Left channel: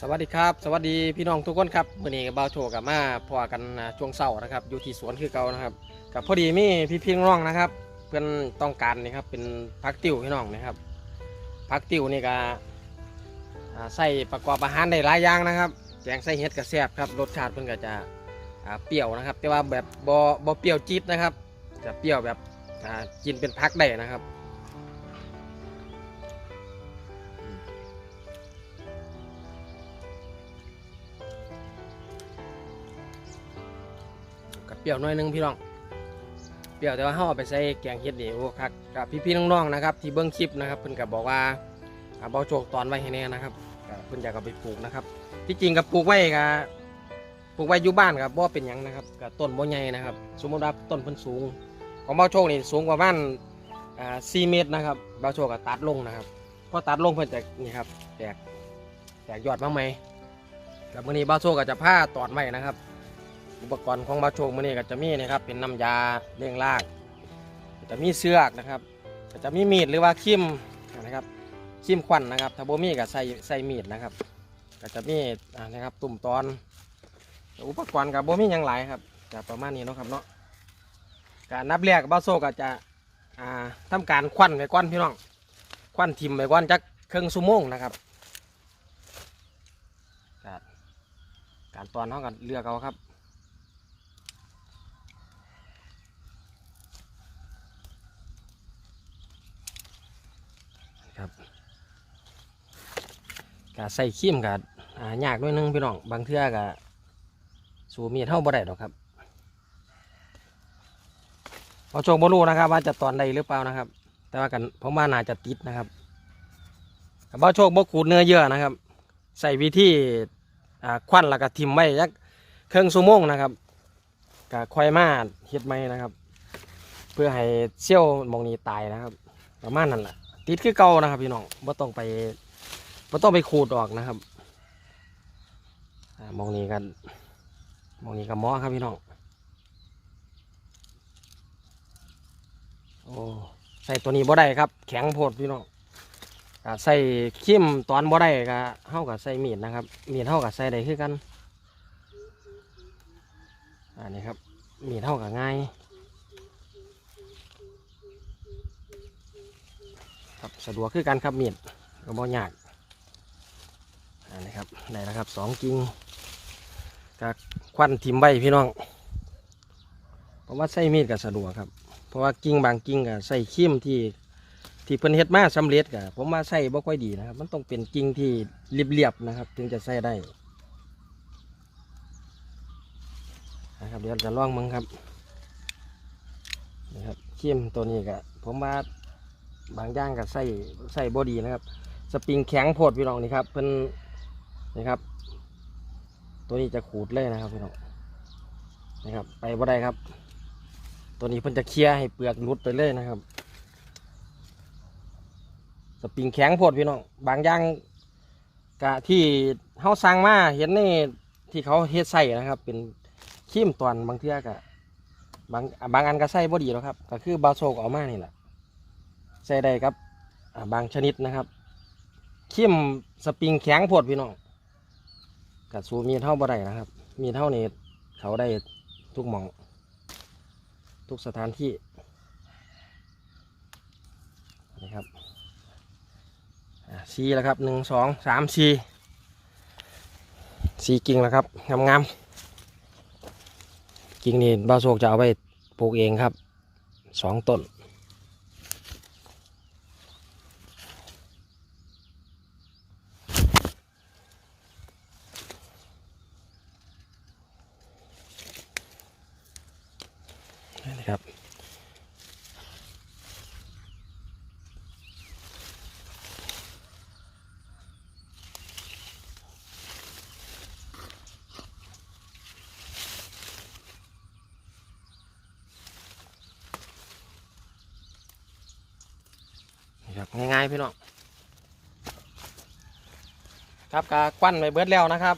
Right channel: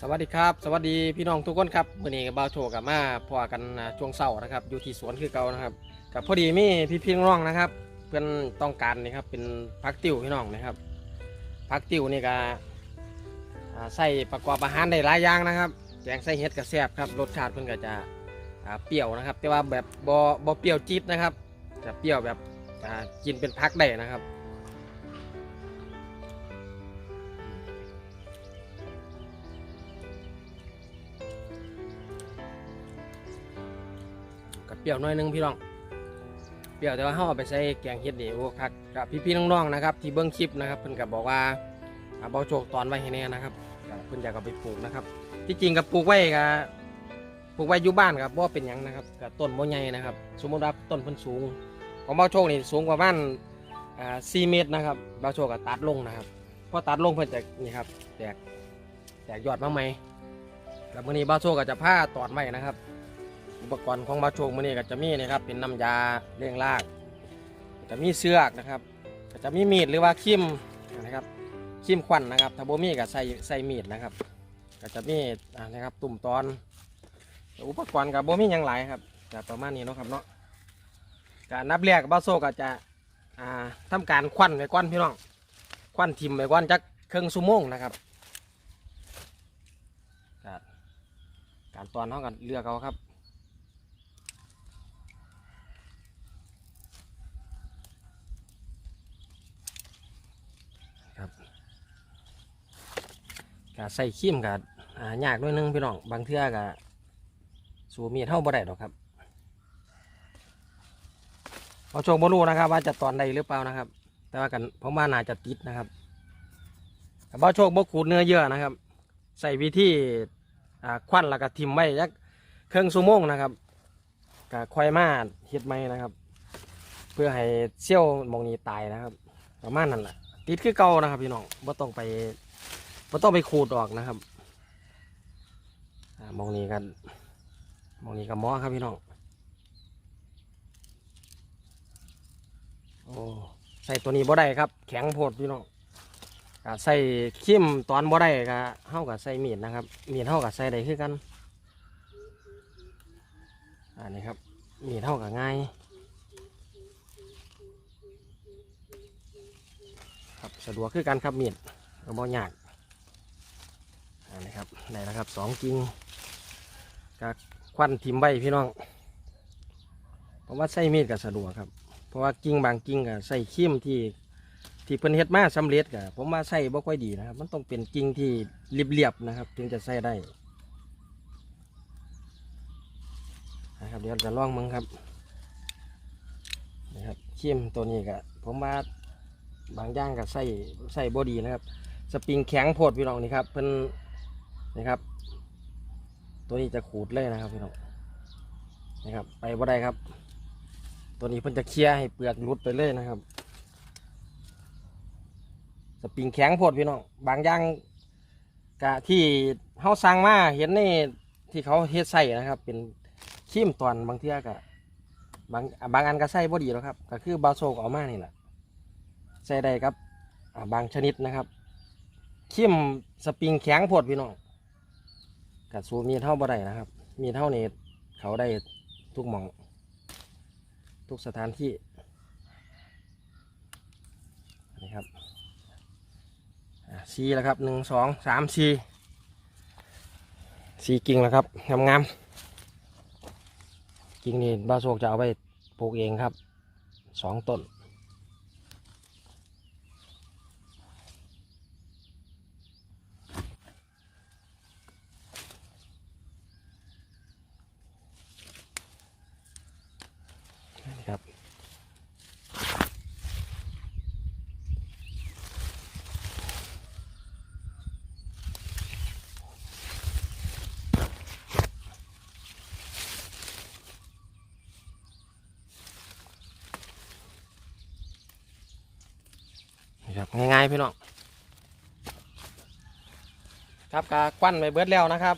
สวัสดีครับ สวัสดีพี่น้องทุกคนครับมื่อนี้บ่าวโชกับมาพอกันช่วงเสาร์นะครับ อยู่ที่สวนคือเก่านะครับกับพอดีมีพี่พี่น้องนะครับ เพื่อนต้องการนี่ครับเป็นพักติวพี่น้องนะครับพักติวนี่ก็ใส่ประกอบอาหารได้หลายอย่างนะครับแกงใส่เห็ดกระแซบครับรสชาติเพิ่อนก็จะเปรี้ยวนะครับ แต่ว่าแบบบ่บ่เปรี้ยวจี๊ดนะครับ จะเปรี้ยวแบบกินเป็นพักได้นะครับ รี้ยวหน้อยหนึงพี่น้องเปรี้ยวแต่ว่าเขาเอาไปใส่แกงเห็ดนี่โอ้คักกับพี่ๆน้องๆนะครับ ที่เบิ้งคลิปนะครับเพิ่นก็บอกว่าอ่าเบาโจกตอนไว้ให้แน่นะครับก็เพิ่นอยากเอาไปปลูกนะครับ ที่จริงกับปลูกไว้กับปลูกไว้อยู่บ้านครับบ่เป็นหยังนะครับกับต้นบ่ใหญ่นะครับ สมมติว่าต้นเพิ่นสูง ของเบาโชคนี่สูงกว่าบ้านอ่า4เมตรนะครับเบาโชคก็ตัดลงนะครับพอตัดลงเพิ่นจะนี่ครับแตกแตกยอดมาใหม่แล้วมื้อนี้เบาโชคก็จะผ้าตอดไว้นะครับ อุปกรณ์ของบาโชคมือนี้ก็จะมีนะครับเป็นน้ำยาเลี้ยงรากจะมีเสือกนะครับก็จะมีมีดหรือว่าคิมนะครับคิมควันนะครับถ้าโบมีก็ใส่ใส่มีดนะครับ ก็จะมีนะครับตุ่มตอน อุปกรณ์กับโบมีอย่างไรครับจะประมาณนี้เนาะครับเนาะการนับแรกบาโซก็จะอ่าทำการควันไว้ก้อนพี่น้องควันทิมไว้ก้อนจักเครึ่องชั่วโมงนะครับการตอนเท่ากันเลือกเอาครับ กใส่ขี้มกับยากด้วยนึงพี่น้องบางเทื่อกับสูมีเท่าบ่ได้ดอกครับเอาโชคบ่รู้นะครับ ว่าจะตอนใดหรือเปล่านะครับ แต่ว่ากันผมว่าน่าจะติดนะครับกับบ่โชคบ่ขูดเนื้อเยื่อนะครับ ใส่วิธีอ่ควันแล้วก็ทิมไว้ยักเครื่องชั่วโมงนะครับกับควายมาเฮ็ดไหมนะครับ เพื่อให้เซี่ยวมองนี้ตายนะครับประมาณนั้นแหละติดคือเก่านะครับพี่น้องบ่ต้องไป บ่ต้องไปขูดออกนะครับมองนี้กันมองนี้กับหมอครับพี่น้องโอ้ใส่ตัวนี้บ่ได้ครับ แข็งโพดพี่น้องใส่ขิมตอนบ่ได้ก็เฮากับใส่มีดนะครับมีดเฮากับใส่ได้คือกันอันนี้ครับมีดเฮากับง่ายครับสะดวกคือกันครับมีดก็บ่ยาก นนี้ครับได้แล้วครับสองกิ่งกับควันทิมใบพี่น้องเพราะว่าใส่มีดก็สะดวกครับ เพราะว่ากิ่งบางกิ่งก็ใส่ขี้มที่ที่เพิ่นเฮ็ดมาสำเร็จก็ผมว่าใส่บ่ค่อยดีนะครับ มันต้องเป็นกิ่งที่เรียบๆนะครับ ถึงจะใส่ได้นะครับเดี๋ยวจะลองมึงครับนะครับขี้มตัวนี้ก็ผมว่าบางอย่างก็ใส่ใส่บอดีนะครับ สปริงแข็งโพดพี่น้องนี่ครับเพิ่น นี่ครับ ตัวนี้จะขูดเลยนะครับพี่น้องนะครับ ไปบ่ได้ครับ ตัวนี้เพิ่นจะเคลียร์ให้เปลือกหลุดไปเลยนะครับ สปริงแข็งโพดพี่น้องบางอย่างกะที่เฮาสั่งมาเห็นในที่เขาเฮ็ดใส่นะครับ เป็นขี้มตอนบางเทื่อกะบางบางอันก็ใส่บ่ดีแล้วครับ ก็คือบาโซกเออกมานี่แหละใส่ได้ครับบางชนิดนะครับขิมสปริงแข็งโพดพี่น้อง กัดสูมีเท่าบ่ได้นะครับ มีเท่านี้เขาได้ทุกหมอง ทุกสถานที่นะครับซีแล้วครับหนึ่งสองสามซีซีกิ่งแล้วครับงามๆกิ่งนี่บ้าโศกจะเอาไปปลูกเองครับสองต้น นะครับ บง่ายๆพี่น้องครับกาควันไปเบิดแล้วนะครับ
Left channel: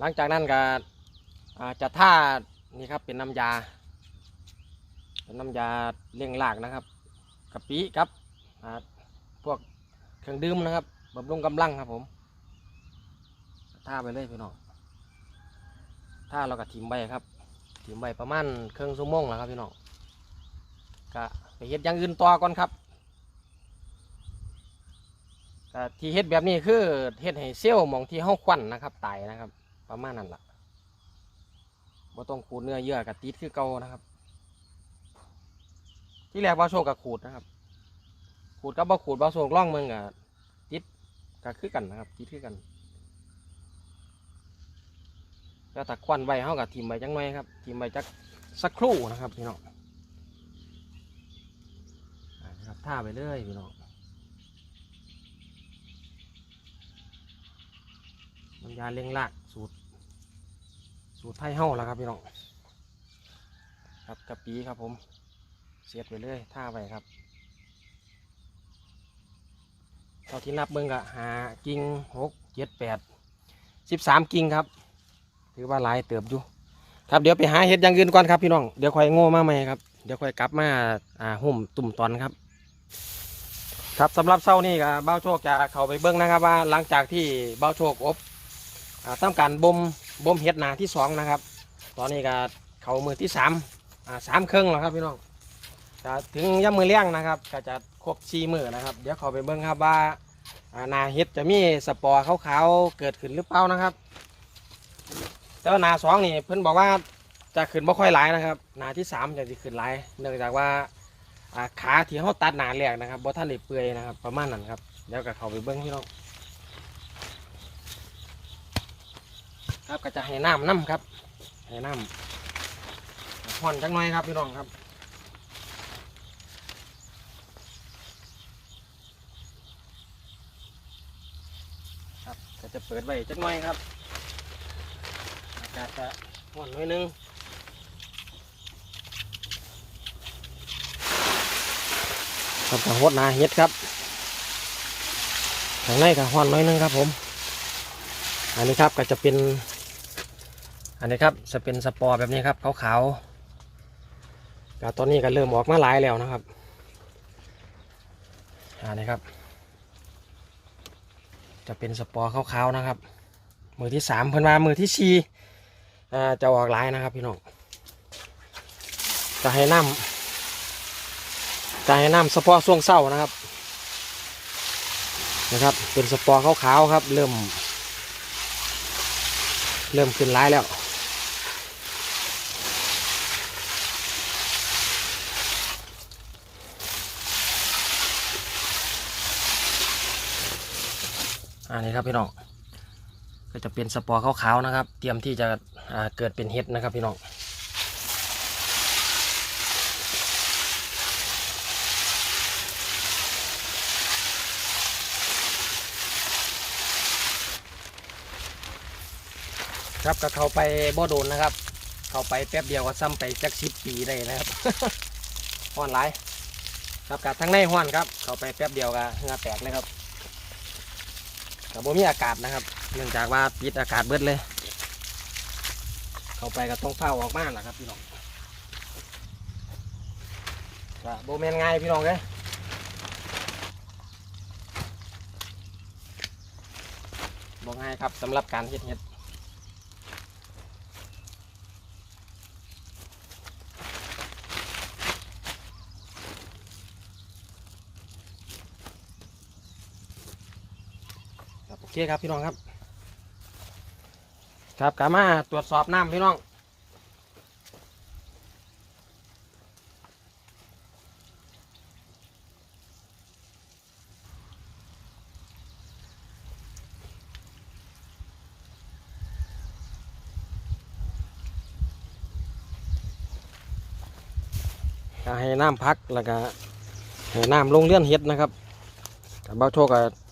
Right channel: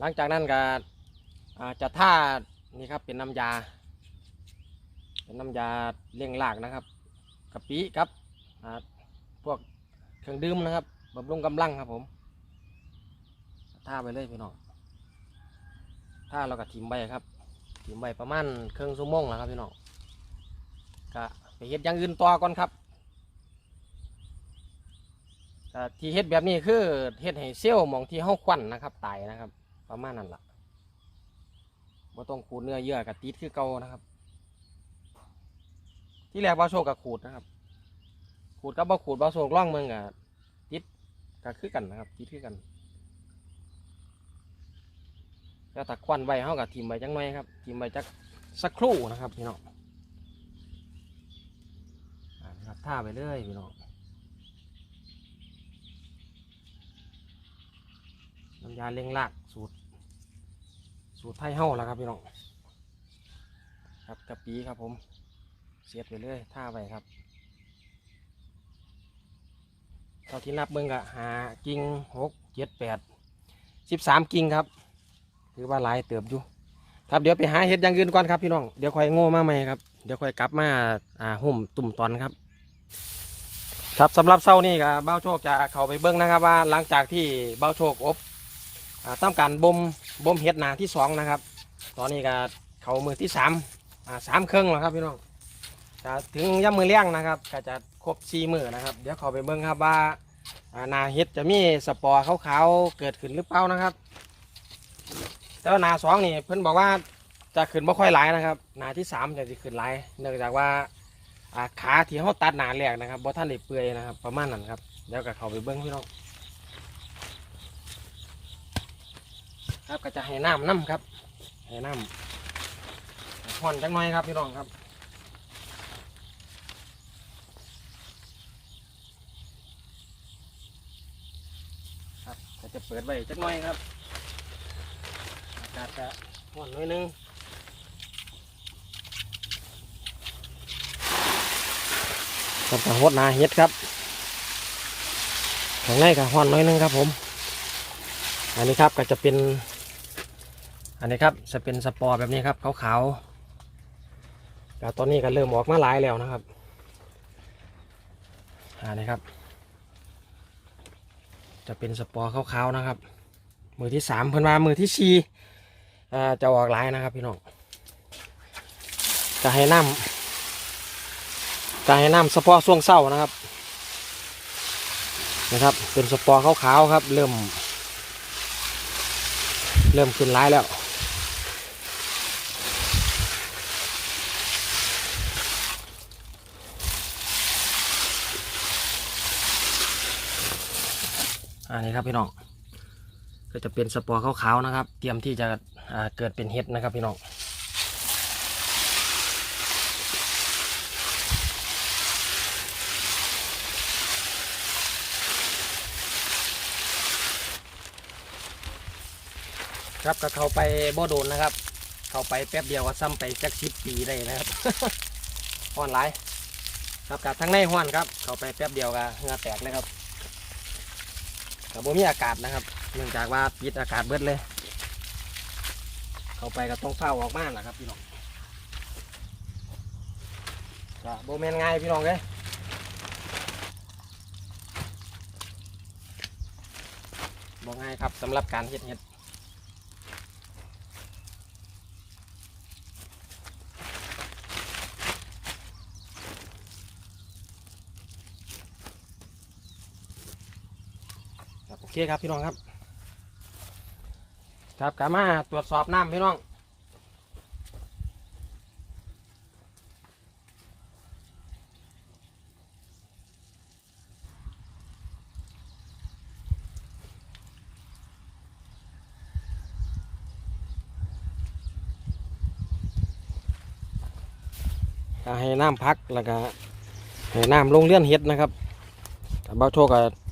หลังจากนั้นก็จะท่านี่ครับเป็นน้ำยา เป็นน้ำยาเลี้ยงรากนะครับกะปิครับพวกเครื่องดื่มนะครับบำรุงกำลังครับผมท่าไปเลยพี่น้องท่าเราก็ทิมใบครับทิมใบประมาณครึ่องชั่วโมงแล้วครับพี่น้องก็ ไปเฮ็ดอย่างอื่นต่อก่อนครับที่เฮ็ดแบบนี้คือเฮ็ดให้เซลล์มองที่เฮาควันนะครับตายนะครับ ประมาณนั้นล่ะบ่ต้องขูดเนื้อเยื่อกับติดคือเก่านะครับ ที่แรกบ่าโชคกับขูดนะครับ ขูดกับบ่ขูดบ่าโชคล่องเมืองกับติดก็คือกันนะครับติดคือกันก็ตักควันไว้เฮากับทิมไว้จังหน่อยครับทิมไว้จักสักครู่นะครับพี่น้องอ่านะครับ ท่าไปเลยพี่น้องน้ำยาเล็งลากสูตร สูตรไทยเฮาแล้วครับพี่น้องครับกะปีครับผมเสียดไปเลยท่าไปครับเท่าที่นับเบิ่งก็หากิ่งหกเจ็ดแปดสิบสามกิ่งครับ ถือว่าหลายเติบอยู่ครับเดี๋ยวไปหาเห็ดอย่างอื่นก่อนครับพี่น้องเดี๋ยวค่อยโง่มาใหม่ครับเดี๋ยวค่อยกลับมาอ่าหุ่มตุ่มตอนครับ ครับสำหรับเช้านี้ก็เบ้าโชคจะเข้าไปเบิ้งนะครับ ว่าหลังจากที่เบ้าโชคอบอ่าทำการบ่มบ่มเห็ดนาที่สองนะครับ ตอนนี้ก็เขามือที่สามสามเครื่องแล้วครับพี่น้องถึงย่ำมือเลี้ยงนะครับก็จะครบสี่มือนะครับ เดี๋ยวเขาไปเบิ้งครับว่าานาเห็ดจะมีสปอร์ขาวๆเกิดขึ้นหรือเปล่านะครับแต่ว่านาสองนี่เพิ่นบอกว่าจะขึ้นไม่ค่อยหลายนะครับ นาที่สามจะขึ้นหลายเนื่องจากว่า อ่าขาที่เขาตัดหนาแหลกนะครับบ่ท่านได้เปื่อยนะครับ ประมาณนั้นครับเดี๋ยวก็เข้าไปเบิ้งพี่น้องครับก็จะให้น้ำน้ำครับให้น้ำห่อนจังหน่อยครับพี่น้องครับครับก็จะเปิดไว้จังหน่อยครับอากาศจะห่อนหน่อยนึง ครับกับหดนาเห็ดครับข้างในกับหอนน่อยนึงครับผม อันนี้ครับก็จะเป็น อันนี้ครับจะเป็นสปอร์แบบนี้ครับขาวๆก็ตอนนี้ก็เริ่มออกมาหลายแล้วนะครับอันนี้ครับ จะเป็นสปอร์ขาวๆนะครับ มือที่สามเพิ่นว่ามือที่สี่จะออกหลายนะครับพี่น้องจะให้น้ำ จะให้น้ำเฉพาะช่วงเศร้านะครับ นะครับ เป็นสปอร์ขาวๆครับ เริ่ม เริ่มขึ้นร้ายแล้วอันนี้ครับพี่น้องก็จะเป็นสปอร์ขาวๆนะครับ เตรียมที่จะเกิดเป็นเห็ดนะครับพี่น้อง ครับก็เข้าไปบ่โดนนะครับ เข้าไปแป๊บเดียวก็ซ้ำไปจักสิบปีได้นะครับห้อนหลายครับกับทั้งในห้อนครับ เข้าไปแป๊บเดียวก็เหงื่อแตกเลยครับกับบ่มีอากาศนะครับ เนื่องจากว่าปิดอากาศเบิดเลย เข้าไปก็ต้องเฝ้าออกมาแหละครับพี่น้องก็โบแมนง่ายพี่น้องเลยบ่ง่ายครับสำหรับการเฮ็ดเฮ็ด ครับโอเคครับพี่น้องครับ ครับกามาตรวจสอบน้ำพี่น้องให้น้ำพักแล้วก็ให้น้ำลงเลี้ยนเห็ดนะครับแต่เบ้าโชคก็อ่า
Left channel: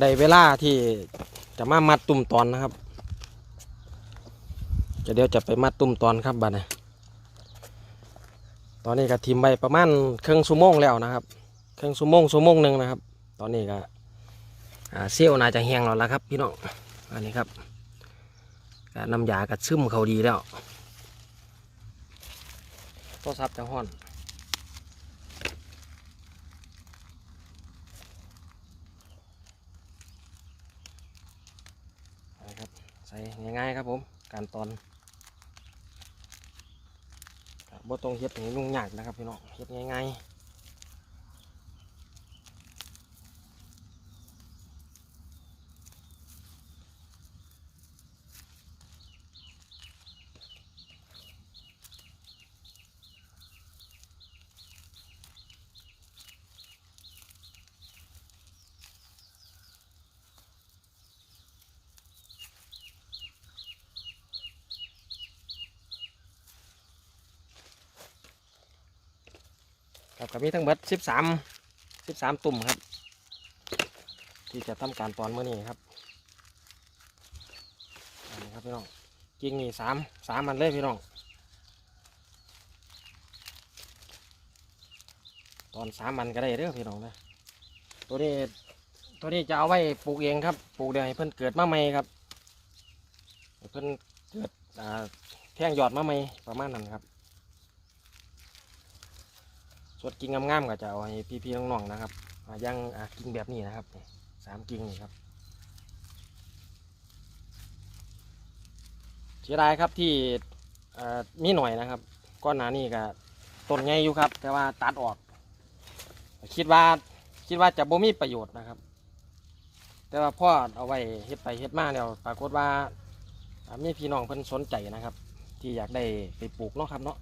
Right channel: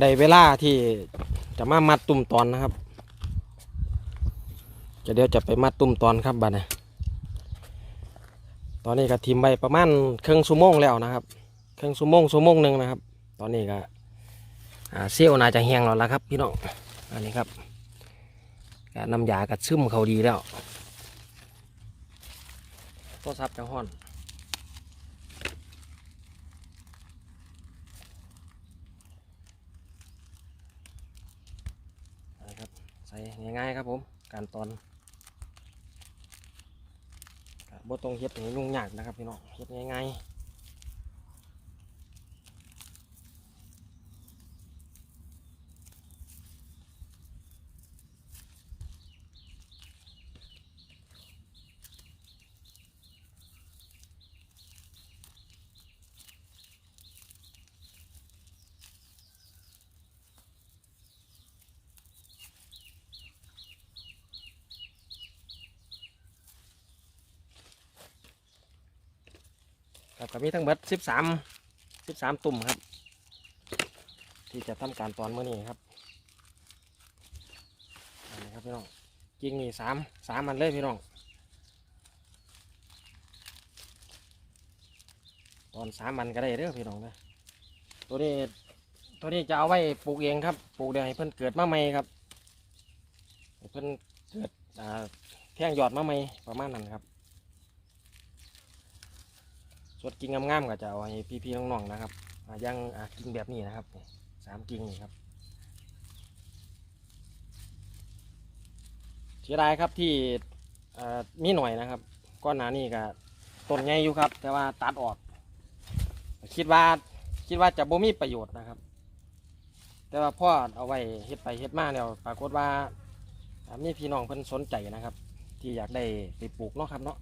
ได้เวลาที่จะมามัดตุ่มตอนนะครับจะเดี๋ยวจะไปมัดตุ่มตอนครับบัดนี้ตอนนี้ก็ทิมไปประมาณครึ่งชั่วโมงแล้วนะครับครึ่งชั่วโมงชั่วโมงหนึ่งนะครับ ตอนนี้ก็เซี่ยวน่าจะแห้งแล้วละครับ พี่น้องอันนี้ครับก็น้ำยากัดซึมเขาดีแล้วโทรศัพท์จะห้อนนะครับ ใส่ ง่ายๆครับผม การตอนบ่ต้องเฮ็ดให้ยุ่งยากนะครับพี่น้องเย็บง่ายๆ มีทั้งหมดสิบสามสิบสามตุ่มครับ ที่จะทำการตอนเมื่อนี้ครับนนี้ครับพี่น้องกิ่งนี่สามสามมันเลยพี่น้องตอนสามมันก็ได้เด้องพี่น้องนะตัวนี้ตัวนี้จะเอาไว้ปลูกเองครับปลูกเดี๋ยวให้เพิ่นเกิดมาใหม่ครับให้เพิ่นเกิดแท่งหยอดมาใหม่ประมาณนั้นครับ ส่วนกิ่งงามๆก็จะเอาให้พี่ๆน้องๆนะครับอ่าย่ากิ่งแบบนี้นะครับสามกิ่งนี่ครับเสียดายครับที่มีหน่อยนะครับก้อนหนานี่ก็ต้นใหญ่อยู่ครับ แต่ว่าตัดออก คิดว่าคิดว่าจะบ่มีประโยชน์นะครับ แต่ว่าพ่อเอาไว้เฮ็ดไปเฮ็ดมาแล้วปรากฏว่าอ่ามีพี่น้องเพิ่นสนใจนะครับ ที่อยากได้ไปปลูกเนาะครับเนาะ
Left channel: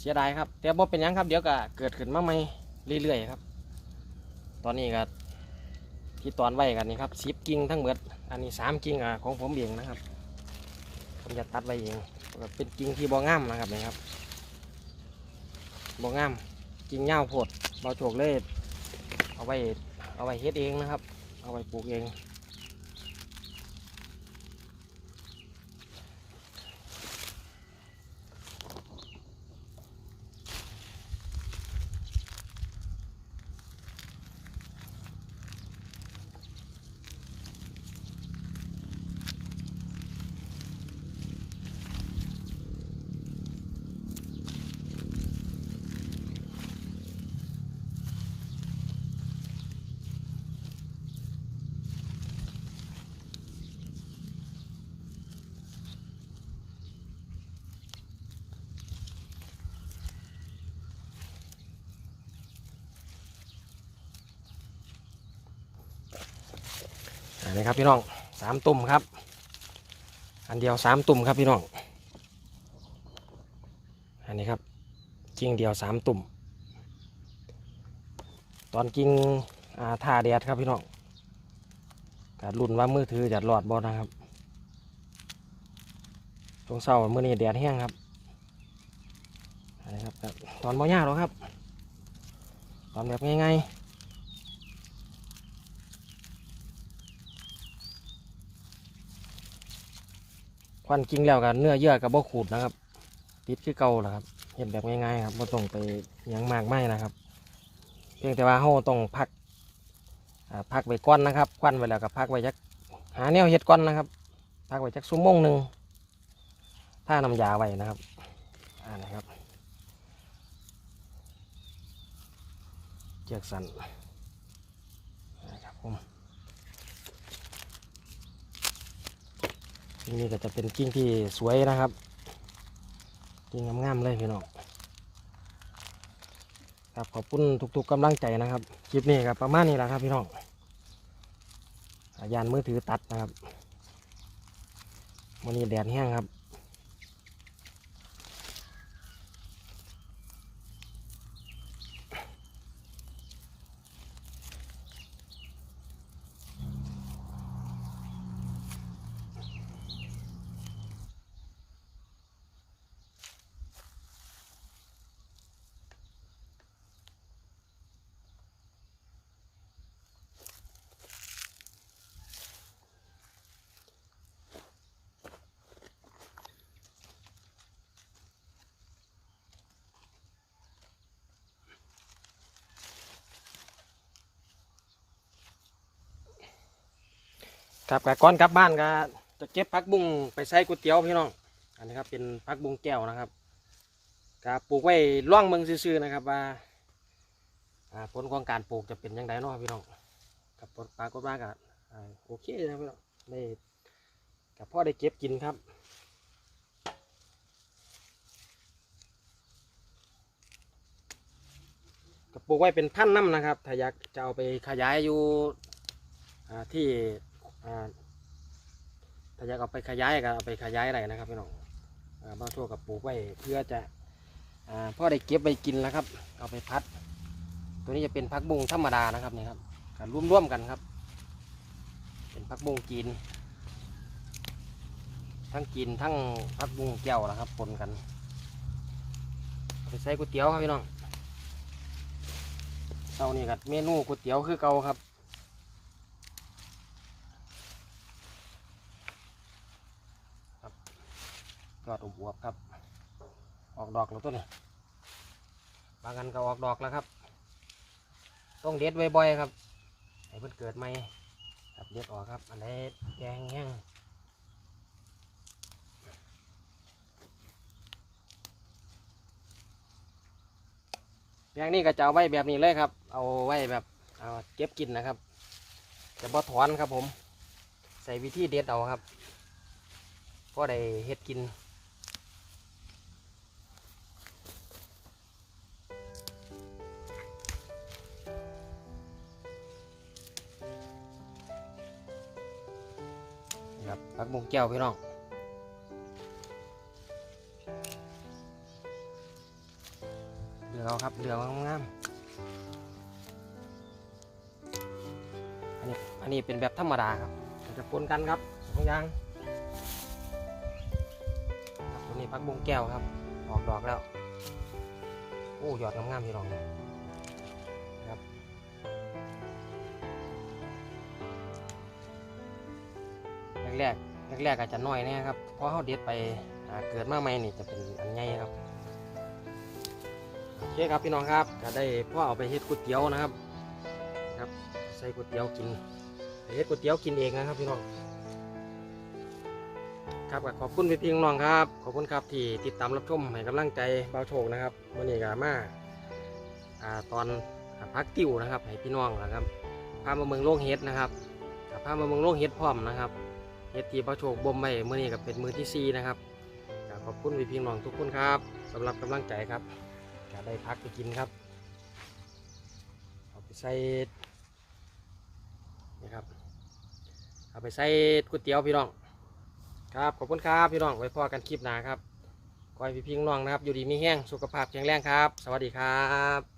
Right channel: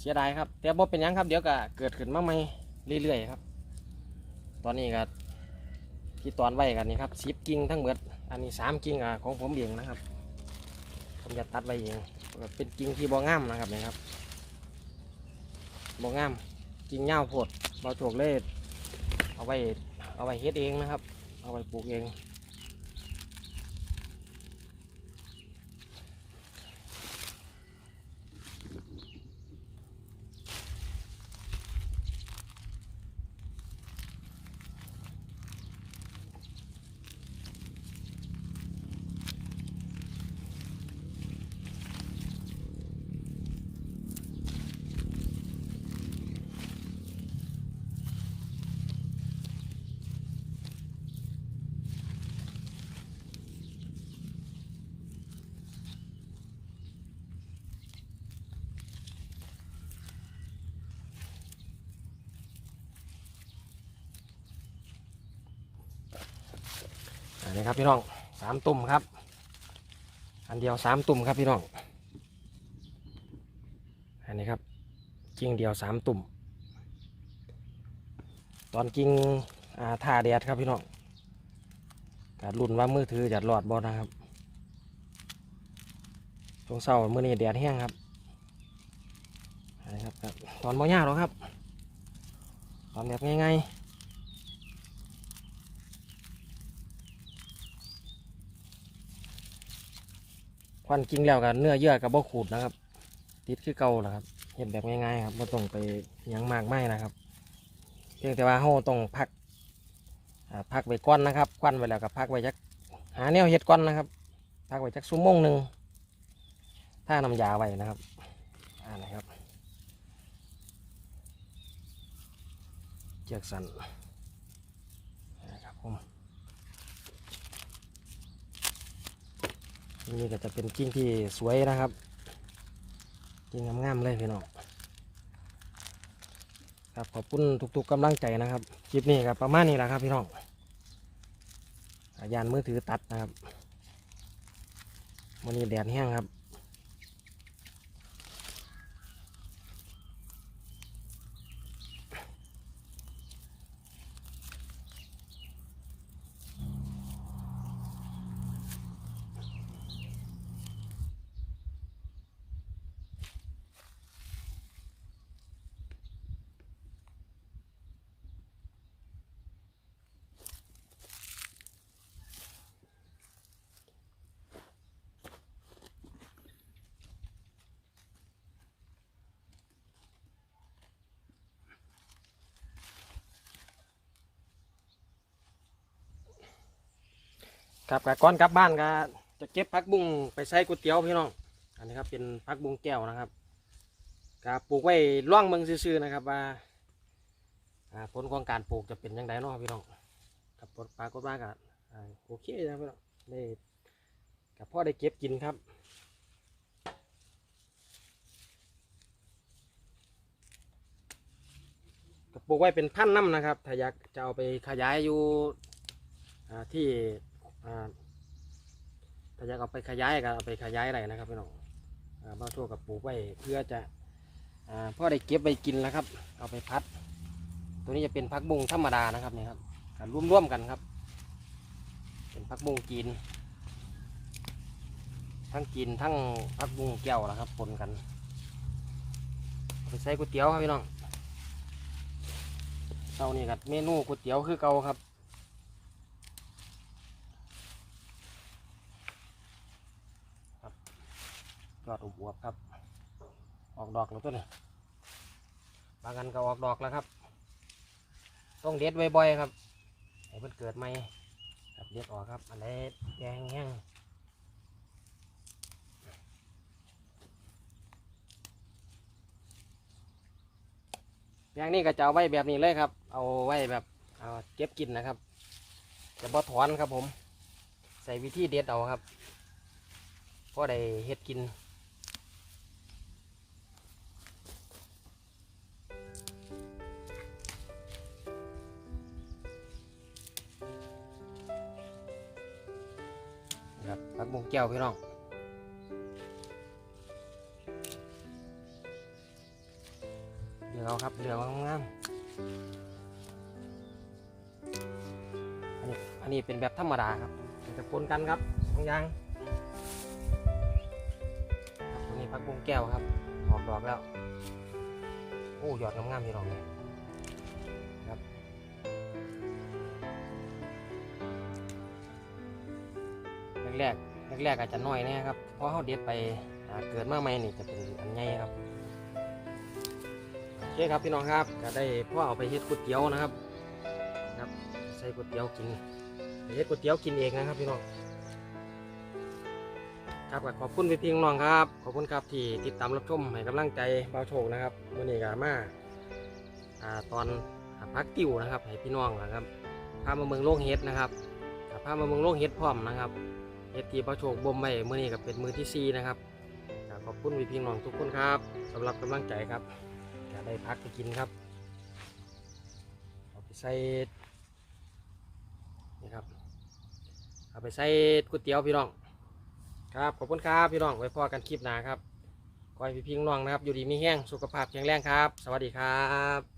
เสียดายครับแต่บ่เป็นยังครับเดี๋ยวก็เกิดขึ้นมาใหม่เรื่อยๆครับ ตอนนี้ก็ที่ตอนไว้กันนี่ครับสิบกิ่งทั้งหมดอันนี้สามกิ่งอของผมเองนะครับผมจะตัดไว้เองเป็นกิ่งที่บ่งามนะครับนี่ครับบ่งามกิ่งเง่าโพดเราโฉกเลยเอาไว้เอาไว้เฮ็ดเองนะครับ เอาไว้ปลูกเอง นนี้ครับพี่น้องสามตุ่มครับ อันเดียวสามตุ่มครับพี่น้อง อันนี้ครับกิ่งเดียวสามตุ่ม ตอนกิ่งอาท่าแดดครับพี่น้องการรุ่นว่ามือถือจะหลอดบอนะครับช่วงเช้ามื่อนี้แดดแห้งครับอันนี้ครับ ตอนบ่ยากหรอกครับ ตอนแบบง่ายๆ ควันกิ้งแล้วกันเนื้อเยื่อกับบ่ขูดนะครับ ติดคือเก่าแหละครับเห็นแบบง่ายๆครับไม่ต้องไปยังมากไม่นะครับ เพียงแต่ว่าเราต้องพักพักไว้ก้อนนะครับควันไว้แล้วก็พักไว้จักหาแนวเห็ดก้อนนะครับพักไว้จักชั่วโมงหนึ่งถ้าน้ำยาไว้นะครับอ่านะครับเจือกสันนะครับผม กิ่งนี้ก็จะเป็นกิ่งที่สวยนะครับ กิ่งงามๆเลยพี่น้องครับขอบคุณทุกๆกำลังใจนะครับ คลิปนี้ครับประมาณนี้แหละครับพี่น้องอายานมือถือตัดนะครับวันนี้แดดแห้งครับ ครับแต่ก่อนกลับบ้านก็จะเก็บผักบุ้งไปใส่ก๋วยเตี๋ยวพี่น้อง อันนี้ครับเป็นผักบุ้งแก้วนะครับก็ปลูกไว้ร่องเมืองซื่อๆนะครับว่าผลของการปลูกจะเป็นยังไงเนาะพี่น้องกับผลปรากฏว่าก็โอเคนะพี่น้องได้กับพ่อได้เก็บกินครับก็ปลูกไว้เป็นพันธุ์น้ำนะครับ ถ้าอยากจะเอาไปขยายอยู่ที่ ถ้าอยากเอาไปขยายก็เอาไปขยายอะไรนะครับพี่น้องอ่าบางทั่วกับปลูกไว้เพื่อจะอพ่อได้เก็บไปกินแล้วครับ เอาไปพัด ตัวนี้จะเป็นพักบุงธรรมดานะครับนี่ครับรร่วมๆกันครับ เป็นพักบุงจีน ทั้งจีนทั้งพักบุงแก้วนะครับปนกันไปใส่ก๋วยเตี๋ยวครับพี่น้องเตานี่กับเมนูก๋วยเตี๋ยวคือเก่าครับ ยอดอวบครับ ออกดอกแล้วต้นบางอันก็ออกดอกแล้วครับ ต้องเด็ดบ่อยๆครับให้เพิ่นเกิดใหม่ครับเด็ดออกครับ อันนี้แกงแห้งแปลงนี้ก็จะเอาไว้แบบนี้เลยครับ เอาไว้แบบเอาเก็บกินนะครับ จะบ่ถอนครับผม ใส่วิธีเด็ดเอาครับพอได้เฮ็ดกิน ผักบุ้งแก้วพี่น้องเดือครับเดือเอางามๆอันนี้อันนี้เป็นแบบธรรมดาครับจะปนกันครับสองอย่างครับตัวนี้ผักบุ้งแก้วครับออกดอกแล้ว โอ้ยอดงามๆพี่น้องเลย แรกๆแรกๆอาจจะน้อยน่ครับเพราะเขาเด็ดไปเกิดมาใหม่นี่จะเป็นอันใหญ่ครับโอเคครับพี่น้องครับจะได้พ่อเอาไปเฮ็ดก๋วยเตี๋ยวนะครับครับ ใส่ก๋วยเตี๋ยวกินไปเฮ็ดก๋วยเตี๋ยวกินเองนะครับพี่น้องครับก็ขอบคุณพี่พี่น้องครับ ขอบคุณครับที่ติดตามรับชมให้กำลังใจเบาโชคนะครับมื่อนี้ก็มาอ่าตอนอพักติวนะครับให้พี่น้องนะครับพามาเมืองโลกเฮ็ดนะครับกับพามาเมืองโลกเฮ็ดพร้อมนะครับ เฮ็ดที่พระโชคบ่มไว้มื้อนี้ก็เป็นมือที่ 4 นะครับขอบคุณพี่พี่น้องทุกคนครับสำหรับกำลังใจครับก็ได้พักไปกินครับเอาไปใส่นี่ครับเอาไปใส่ก๋วยเตี๋ยวพี่น้องครับขอบคุณครับพี่น้องไว้พอกันคลิปหน้าครับขอให้พี่พี่น้องนะครับ อยู่ดีมีแห้งสุขภาพแข็งแรงครับ สวัสดีครับ